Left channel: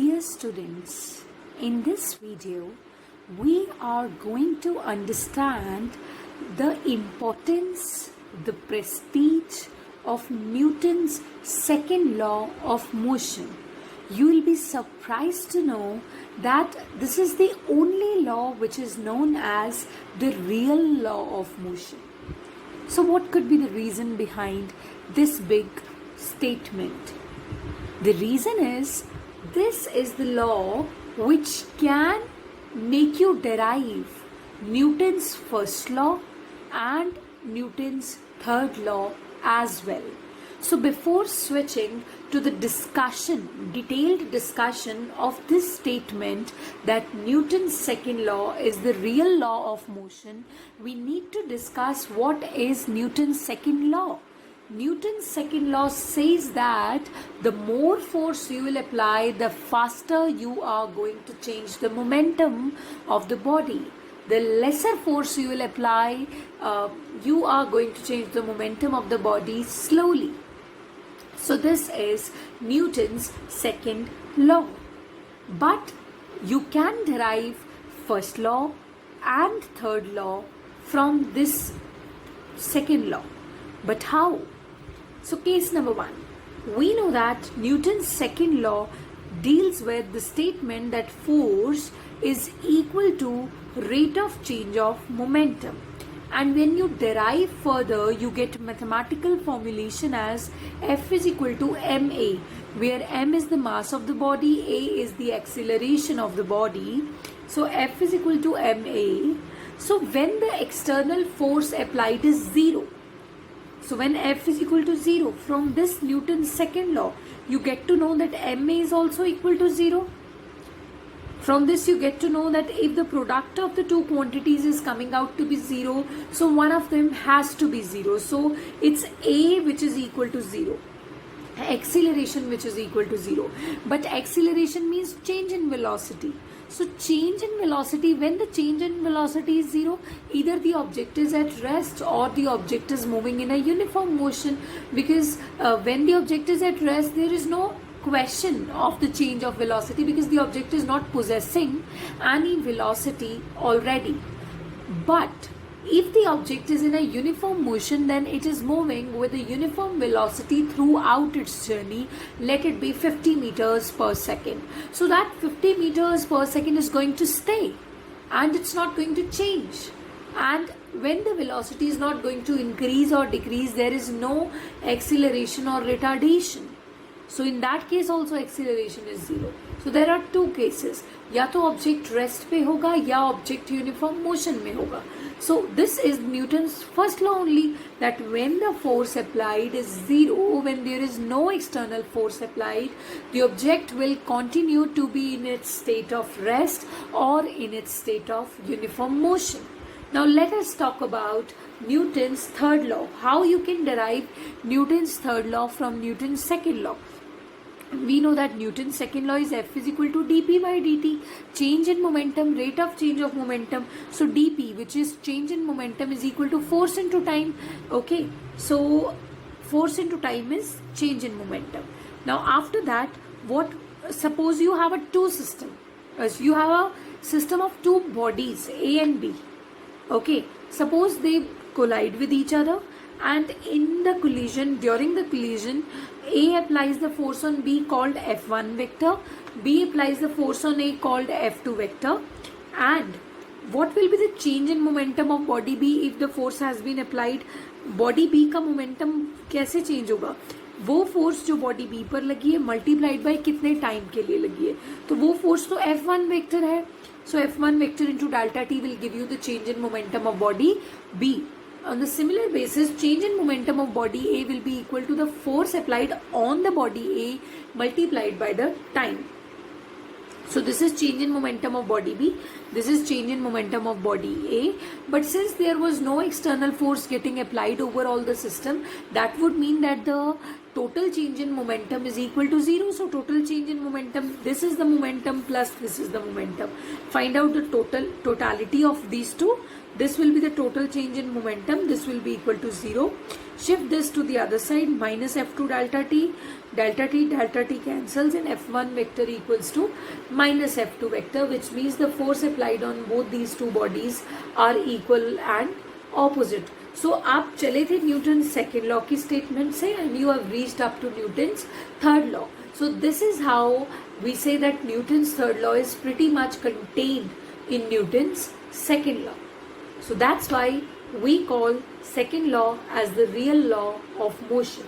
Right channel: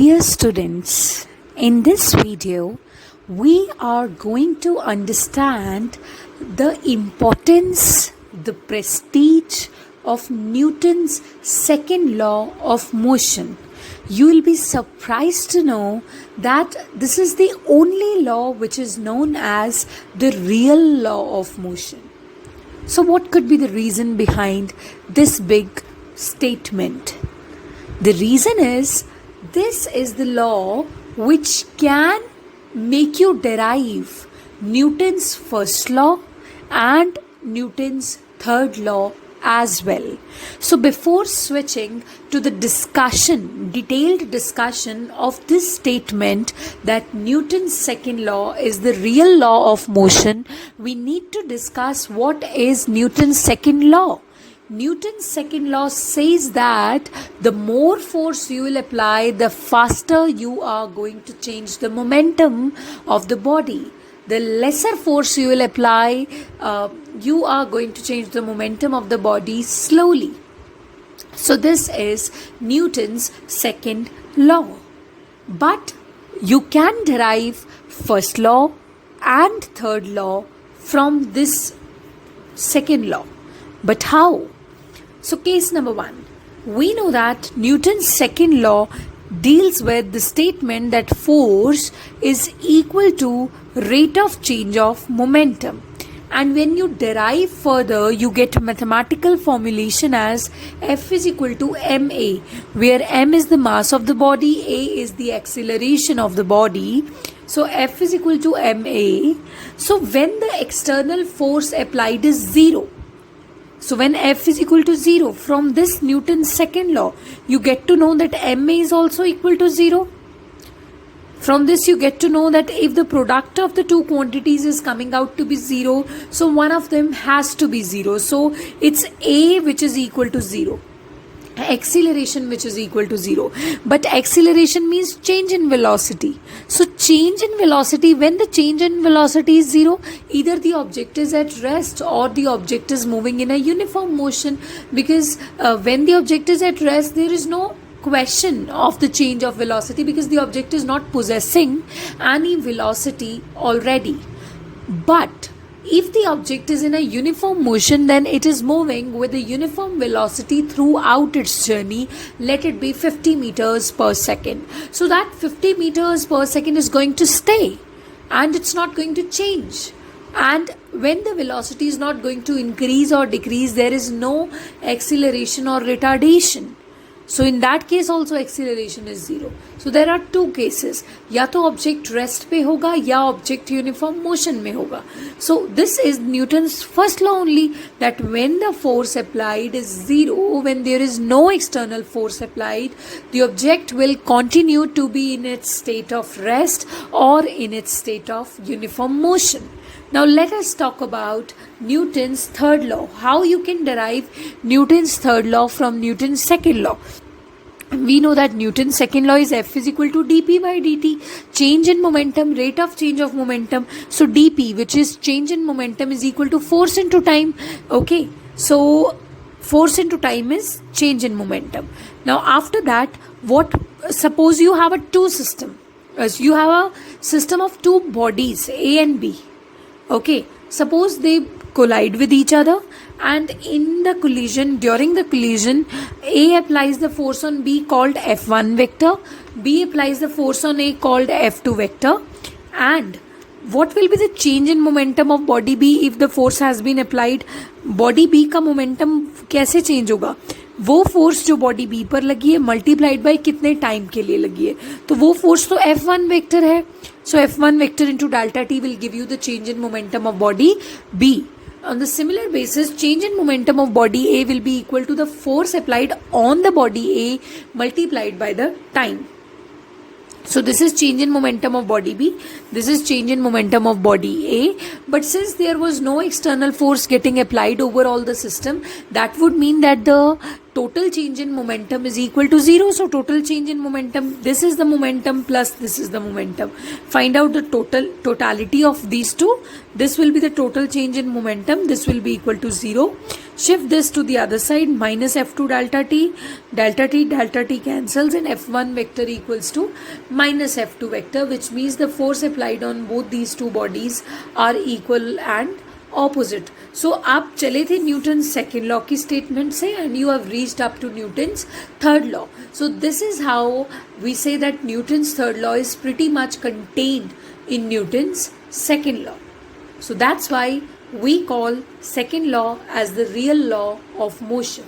Dear students, in this video, we are going to understand the importance, the prestige of Newton's second law of motion. You will be surprised to know that this is the only law which is known as the real law of motion. So, what could be the reason behind this big statement? The reason is this is the law which can make you derive Newton's first law and Newton's third law as well. So before switching to the detailed discussion of this statement that Newton's second law is the real law of motion, we need to discuss what is Newton's second law. Newton's second law says that the more force you will apply, the faster you are going to change the momentum of the body. The lesser force you will apply, you are going to change the momentum of the body slowly. So this is Newton's second law. But you can derive first law and third law from this second law. But how? So case number one, we know that Newton's second law deals with the statement that force is equal to rate of change of momentum. And when you derive further, you get mathematical formulation as F is equal to ma, where m is the mass of the body, a is the acceleration of the body. So F is equal to ma. So when the external force applied is 0, so when F is equal to 0, from this Newton's second law, you get to know that ma is also equal to 0. From this you get to know that if the product of the two quantities is coming out to be 0, so one of them has to be 0. So it's a which is equal to 0. Acceleration which is equal to 0. But acceleration means change in velocity. So change in velocity, when the change in velocity is 0, either the object is at rest or the object is moving in a uniform motion, because when the object is at rest, there is no question of the change of velocity because the object is not possessing any velocity already. But if the object is in a uniform motion, then it is moving with a uniform velocity throughout its journey. Let it be 50 meters per second. So that 50 meters per second is going to stay and it's not going to change. And when the velocity is not going to increase or decrease, there is no acceleration or retardation. So in that case also acceleration is 0. So there are two cases. या तो object rest पे होगा या object uniform motion में होगा. So this is Newton's first law only, that when the force applied is 0, when there is no external force applied, the object will continue to be in its state of rest or in its state of uniform motion. Now let us talk about Newton's third law. How you can derive Newton's third law from Newton's second law. We know that Newton's second law is F is equal to dp by dt. Change in momentum, rate of change of momentum. So dp, which is change in momentum, is equal to force into time. Okay, so force into time is change in momentum. Now after that, suppose you have a two system. You have a system of two bodies, A and B. Okay, suppose they collide with each other, and during the collision, A applies the force on B called F1 vector, B applies the force on A called F2 vector. And what will be the change in momentum of body B if the force has been applied? Body B का momentum कैसे change होगा? वो force जो body B पर लगी है multiplied by कितने time के लिए लगी है, तो वो फोर्स तो F1 वेक्टर है. So F1 vector into delta T will give you the change in momentum of body B. On the similar basis, change in momentum of body A will be equal to the force applied on the body A multiplied by the time. So this is change in momentum of body B, this is change in momentum of body A. But since there was no external force getting applied over all the system, that would mean that the total change in momentum is equal to 0. So total change in momentum, this is the momentum plus this is the momentum. Find out the totality of these two. This will be the total change in momentum. This will be equal to 0. Shift this to the other side, minus F2 delta t. Delta t cancels, and F1 vector equals to minus F2 vector, which means the force applied on both these two bodies are equal and opposite. So आप चले थे Newton second law की statement से and you have reached up to Newton's third law. So this is how we say that Newton's third law is pretty much contained in Newton's second law. So that's why we call second law as the real law of motion.